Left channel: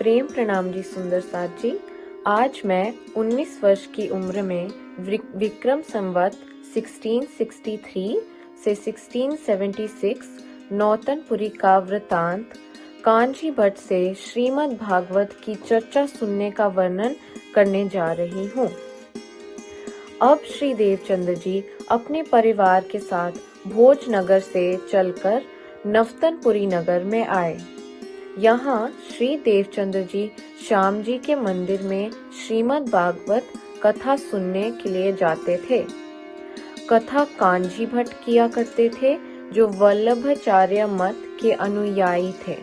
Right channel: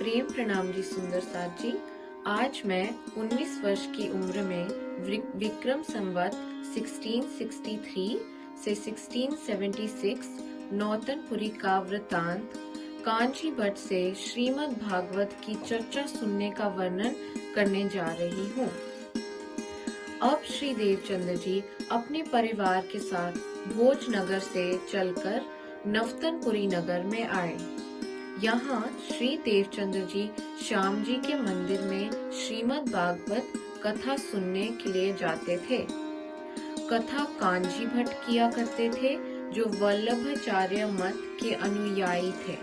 प्रेम प्रणाम जी सुंदर साथ जी। आज मैं 19 वर्ष की उम्र में विक्रम संवत 1663 से 1676 नौतनपुरी का वृतांत कांची भट्ट से श्रीमद् भागवत की चर्चा सुनने का वर्णन करने जा रही हूँ। अब श्री देवचंद्र जी अपने परिवार के साथ भोजनगर से चलकर नवतनपुरी नगर में आए। यहाँ श्री देवचंद्र जी श्याम जी के मंदिर में श्रीमद् भागवत कथा सुनने के लिए जाते थे। कथा कांजी भट्ट किया करते थे, जो वल्लभाचार्य मत के अनुयायी थे।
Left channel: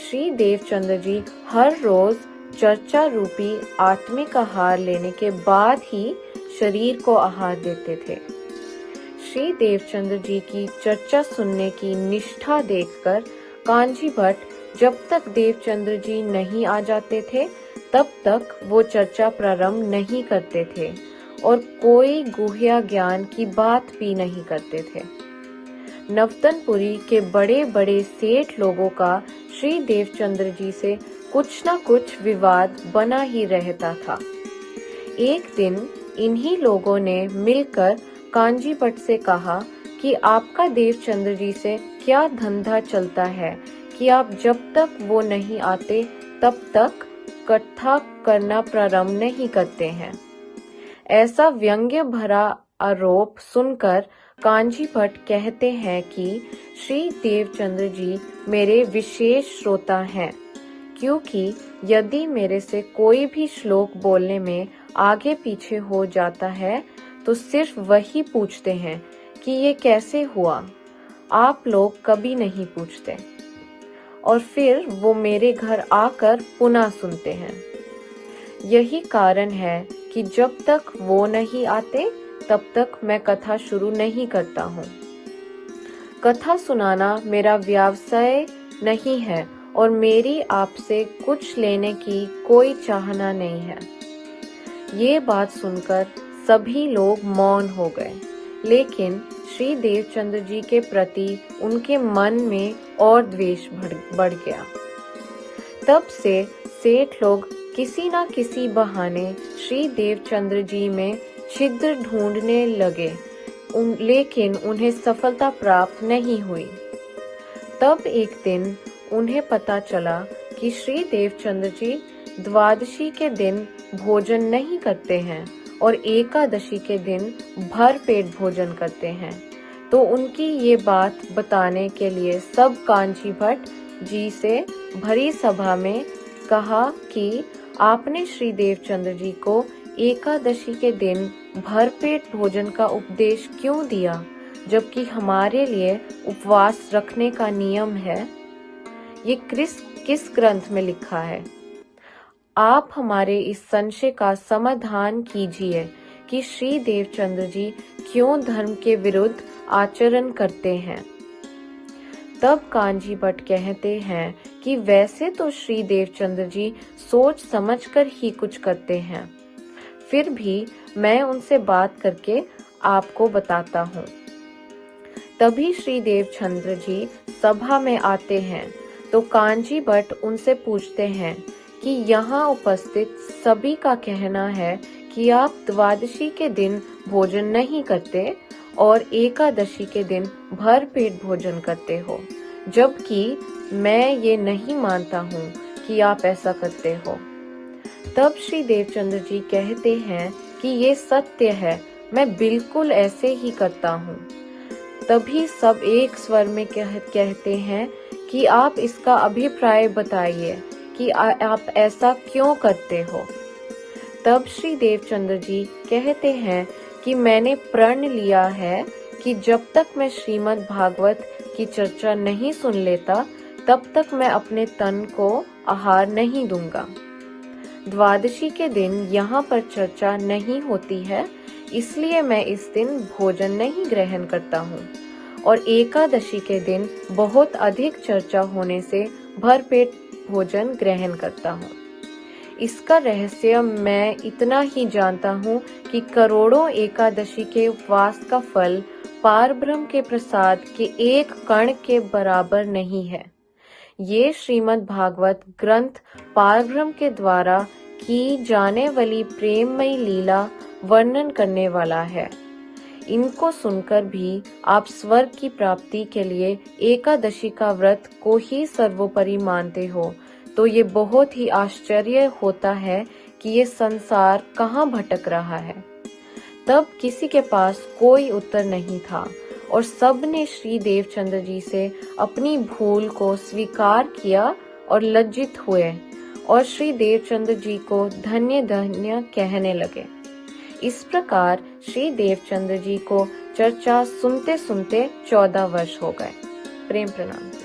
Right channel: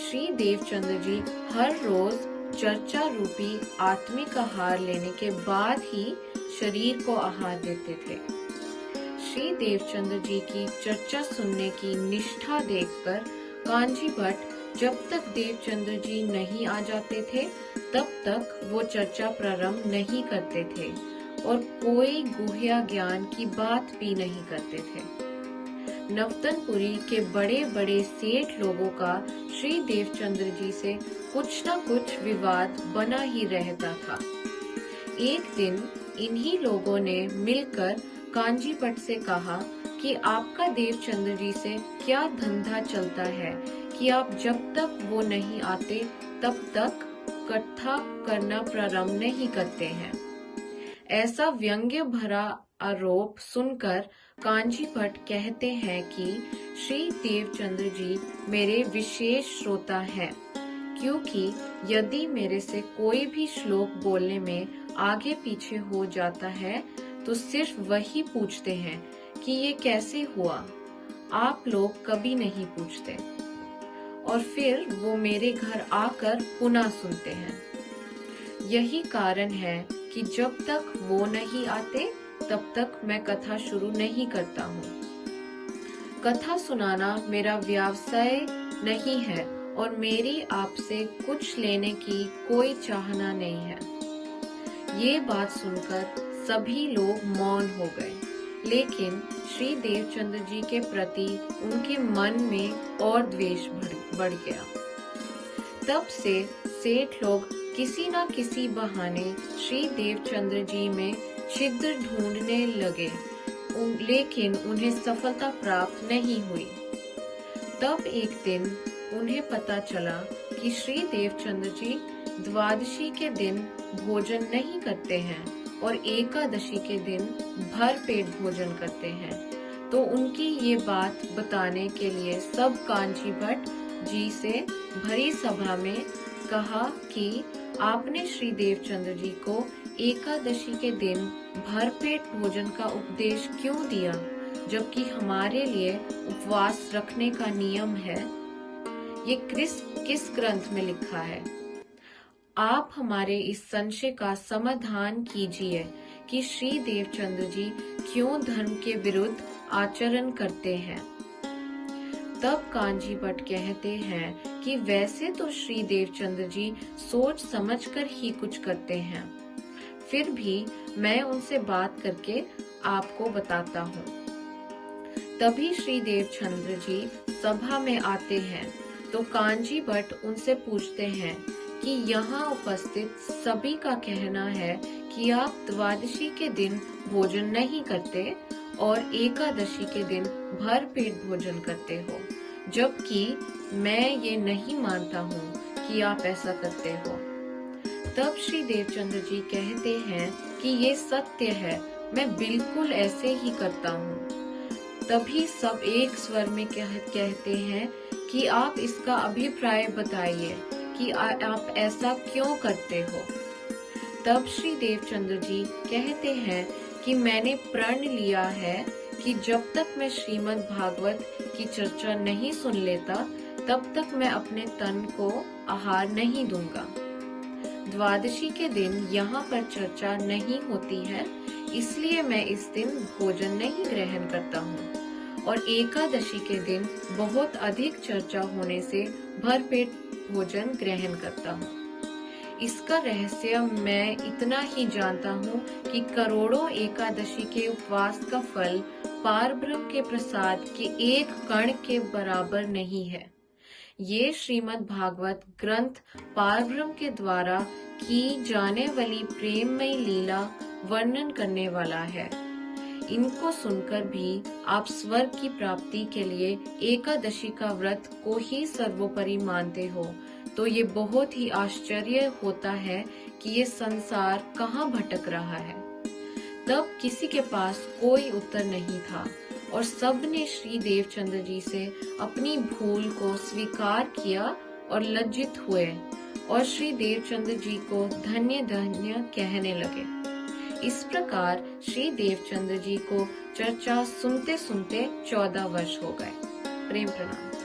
श्री देवचंद्र जी हर रोज चर्चा रूपी आत्मिक आहार लेने के बाद ही शरीर को आहार देते थे। श्री देवचंद्र जी की चर्चा सुनने की निष्ठा देखकर कांजी भट्ट जब तक देवचंद्र जी नहीं आ जाते थे तब तक वो चर्चा प्रारंभ नहीं करते थे और कोई गुह्य ज्ञान की बात भी नहीं करते थे। नवतनपुरी के बड़े बड़े सेठ लोगों का श्री देवचंद्र जी से कुछ न कुछ विवाद बना ही रहता था। एक दिन इन्हीं लोगों ने मिलकर कांजी भट्ट से कहा कि आपका देवचंद्र जी से क्या धंधा चलता है कि आप जब तक वो नहीं आते तब तक कथा करना प्रारंभ नहीं करते हैं। ऐसा व्यंग्य भरा आरोप सुनकर कांजी भट्ट कहते हैं कि श्री देवचंद्र जी मेरे विशेष श्रोता हैं, क्योंकि यदि मेरे से कोई भी श्लोक बोलने में आगे पीछे हो जाता है तो सिर्फ वही पूछते हैं कि ये कैसे हुआ, आप लोग कभी नहीं पूछते, और फिर वो मेरे घर आकर पुनः सुनते हैं। यही कारण है कि जब तक वो नहीं आते तब तक मैं कथा शुरू नहीं करता हूँ। कथा सुनाना मेरा व्यवसाय नहीं है और मेरी आपसे कुछ लेने की कोई चाहना नहीं है। ये बात सुनकर सभी लोग मौन हो गए, लेकिन श्री देवचंद्र जी के प्रति उनके मन में और द्वेष बढ़ गया। तब से सेठ लोग किसी न किसी बहाने श्री देवचंद्र जी में छिद्र ढूंढने लगे, लेकिन उन्हें सफलता प्राप्त नहीं हुई। तब एक दिन उन्हें पता चला कि श्री देवचंद्र जी द्वादशी के दिन भोजन नहीं करते हैं और एकादशी के दिन भर पेट भोजन करते हैं। तो उनकी ये बात बताने के लिए सब कांची भट्ट जी से भरी सभा में कहा कि आपने श्री देवचंद्र जी को एकादशी के दिन भर पेट भोजन का उपदेश क्यों दिया, जबकि हमारे लिए उपवास रखने का नियम है। ये किस ग्रंथ में लिखा है? आप हमारे इस संशय का समाधान कीजिए कि श्री देवचंद्र जी क्यों धर्म के विरुद्ध आचरण करते हैं। तब कांजी भट्ट कहते हैं कि वैसे तो श्री देवचंद्र जी सोच समझकर ही कुछ करते हैं, फिर भी मैं उनसे बात करके आपको बताता हूँ। तभी श्री देवचंद्र जी सभा में आते हैं तो कांजी भट्ट उनसे पूछते हैं कि यहाँ उपस्थित सभी का कहना है कि आप द्वादशी के दिन भोजन नहीं करते और एकादशी के दिन भर पेट भोजन करते हो, जबकि मैं ये नहीं मानता हूँ कि आप ऐसा करते हो। तब श्री देवचंद्र जी कहते हैं कि ये सत्य है, मैं बिल्कुल ऐसे ही करता हूँ। तभी सब एक स्वर में कहते हैं कि आप इसका अभिप्राय बताइए कि आप ऐसा क्यों करते हो। तब श्री देवचंद्र जी कहते हैं कि मैंने प्रण लिया है कि जब तक मैं श्रीमद् भागवत की चर्चा नहीं सुन लेता तब तक मैं अपने तन को आहार नहीं दूंगा। द्वादशी के दिन यहाँ पर चर्चा नहीं होती है, इसलिए मैं इस दिन भोजन नहीं ग्रहण करता हूँ, और एकादशी के दिन बहुत अधिक चर्चा होने से भरपेट भोजन ग्रहण करता हूँ। इसका रहस्य मैं इतना ही जानता हूँ कि करोड़ों एकादशी के उपवास का फल पारब्रह्म के प्रसाद के एक कण के बराबर नहीं है। ये श्रीमद् भागवत ग्रंथ पारब्रह्म के द्वारा की जाने वाली प्रेममयी लीला वर्णन करने वाला है। इनको सुनकर भी आप स्वर्ग की प्राप्ति के लिए एकादशी का व्रत को ही सर्वोपरि मानते हो, तो ये बहुत ही आश्चर्य होता है कि ये संसार कहाँ भटक रहा है। तब किसी के पास कोई उत्तर नहीं था और सब ने श्री देवचंद्र जी से अपनी भूल को स्वीकार किया और लज्जित हुए और श्री देवचंद्र जी को धन्य धन्य कहने लगे। इस प्रकार श्री देवचंद्र जी को चर्चा सुनते सुनते 14 वर्ष हो गए। प्रेम प्रणाम।